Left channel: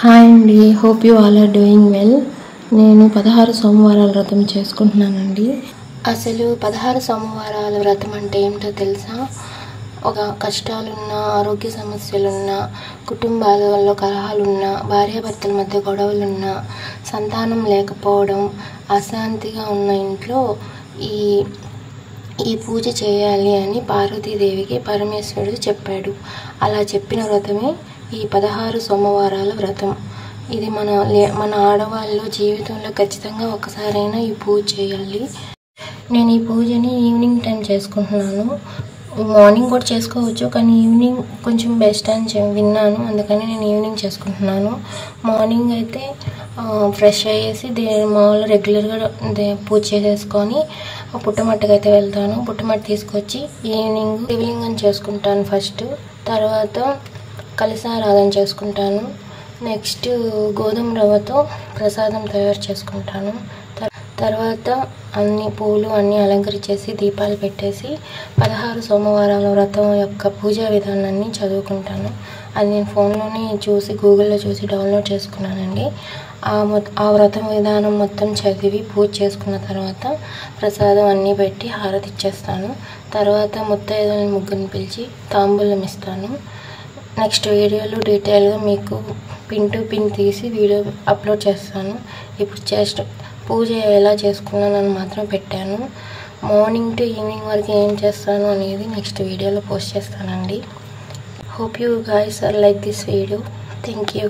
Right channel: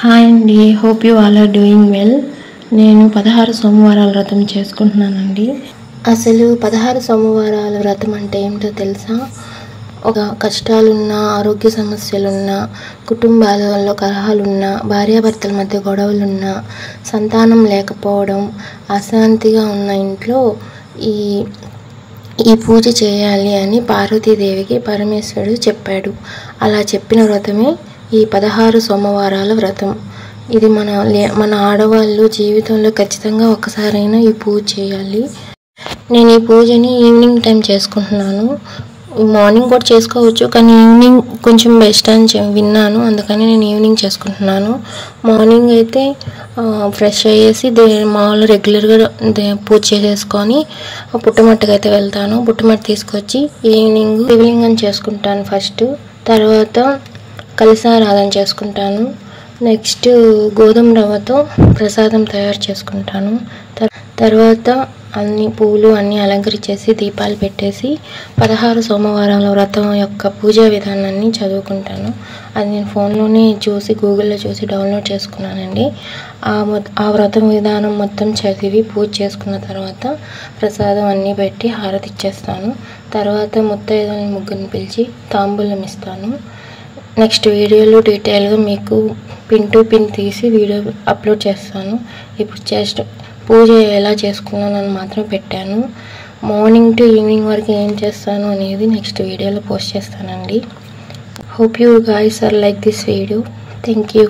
Hi అండి, hope you all are doing well. నేను 16 సోమవారాల వ్రతం చేసుకుంటున్నానండి. అసలు 16 సోమవారాల వ్రతం అంటే ఏమిటో తెలుసా? ఒక కష్టాలున్నా, ఆరోగ్య సమస్యలున్నా, కుటుంబాలలో కలహాలున్నా, భార్యాభర్తల మధ్య గొడవలున్నా, సంతానం లేకపోవడం, అశాంతిగా ఉన్న ఇంట్లో ఈ పూజ చేయాలి అని పార్వతీదేవికి పరమేశ్వరుడు చెప్పాడు. అలా చెప్పిన వ్రతమే ఈ 16 సోమవారాల వ్రతం. ఇది మన ఆడవాళ్ళు జీవితంలో ఖచ్చితంగా ఒక్కసారైనా ఈ పూజ చేయాలి. నేను ఈ పూజని ఈవినింగ్ టైం చేసుకుంటున్నాను. మార్నింగ్ కూడా చేసుకోవచ్చు, కానీ ఈవినింగ్ కొంచెం బెస్ట్ అని విన్నాను, అందుకని నేను ఈవినింగ్ చేసుకుంటున్నాను. మార్నింగ్ అయితే ఫ్రెష్ అయ్యేసి మామూలు రెగ్యులర్గా పూజ చేసేసుకొని పుట్టమట్టుకు అయితే వెళ్తాను. పుట్టమట్టు తీసుకొచ్చి ఈవినింగ్ శివలింగం చేసుకుంటాను ఫస్ట్. తర్వాత కలశారాధన చేసుకుంటాను. నెక్స్ట్ గోధుమ రవ్వతో ప్రసాదం తయారు చేసుకుంటాను. తర్వాత అన్ని పూలు అన్నీ అలంకరించేసి దీపాలు పెట్టేసి 16 సోమవారాల వ్రతం యొక్క పూజా విధానాన్ని చదువుకుంటాను. అది నేను ఫోన్లోనే చూసి గూగుల్లో చూసి డౌన్లోడ్ చేసుకున్నానండి. ఆ వ్రతం విధానం మొత్తం చదివి పూజ చేసుకున్న తర్వాత ప్రసాదం అన్నీ పెట్టి హారతి ఇచ్చేస్తాను. తర్వాత ముత్తైదులని ముగ్గురిని పిలిచి తాంబూలం ఇస్తాను. నెక్స్ట్ వీడియోలో డీటెయిల్గా మీకు పిన్ టు పిన్ తీసి వీడియో అప్లోడ్ చేస్తాను. ఇప్పుడు జస్ట్ పూజ ఎలా చేసుకున్నానని మాత్రం పెట్టాను. మార్నింగ్ టు ఈవినింగ్ వరకు ఏం చేస్తాను అనేది నెక్స్ట్ వీడియోలో పోస్ట్ చేస్తానండి. Hope you guys are like this video. Thank you.